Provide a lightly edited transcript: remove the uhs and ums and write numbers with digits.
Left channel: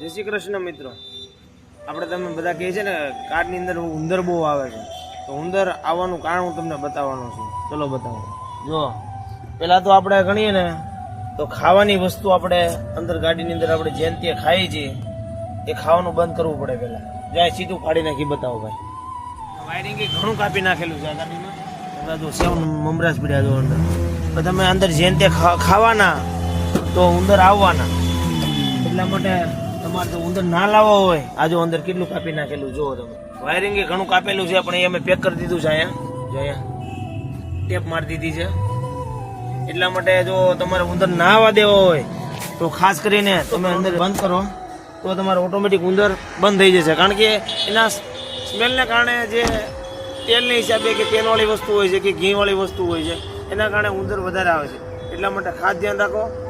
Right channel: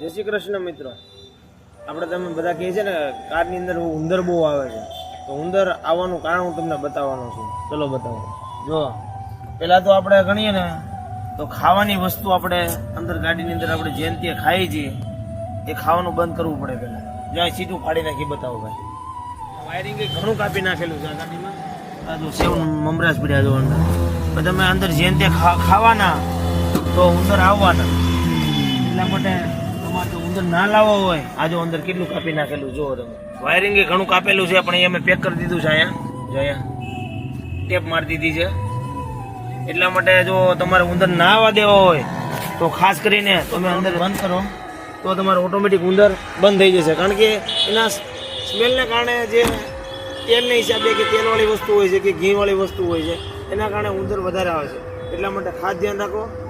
જય શ્રી કૃષ્ણ મિત્રો. આપણે તમે બધા કહે છે ને કારની અંદર ઉંદર બહુ આવે છે, તો ઉંદર આવવાનું કારણ હું તમને બતાવવાનો છું. ચલો બતાવો. જો પહેલાં તો આપણે ગણીએ ને તો ખાવાની વસ્તુ આપણે અંદર ગાડીની અંદર આપણે જેમ તે ખાઈએ છીએ એ ખાવાનું બંધ કરવું પડે પહેલાં. જાય સીધું કાઢી નાખી બતાવો ભાઈ. વાયરિંગ ઘણું કાપી નાખેલું છે આ ગાડીમાં. બધા જો સેવ મમરાજ પડ્યા જો અંદર. તો તમે અંદર જેમ તે ખાવાના તો ઉંદર આવવાના. એટલા માટે તમારે તો ઉંદર ના લાવવા હોય, આ જો અંદર કેટલું કાપી નાખેલું જુઓ તમે. વાયરિંગ ઘણું કાપેલું છે પણ એ અમે પેક કરી દીધું છે અહીંયા. જો અહીંયા ટેપ મારી દીધી છે. એટલા માટે જો તમારે ઉંદર ના આવવા દેવો હોય તો ખાસ કરીને તમે અંદર બંધ કરો તો તમારે ઓટોમેટિક ઉંદર બંધ થઈ જશે. કારણ કે એના સ્મેલને કારણે જે તેલના હિસાબે કે તેલવાળી વસ્તુ હોય છે કે ઘીવાળી વસ્તુ હોય છે એના કારણે ઉંદર વધારે આવે છે. એટલા માટે ખાસ ધ્યાન રાખો.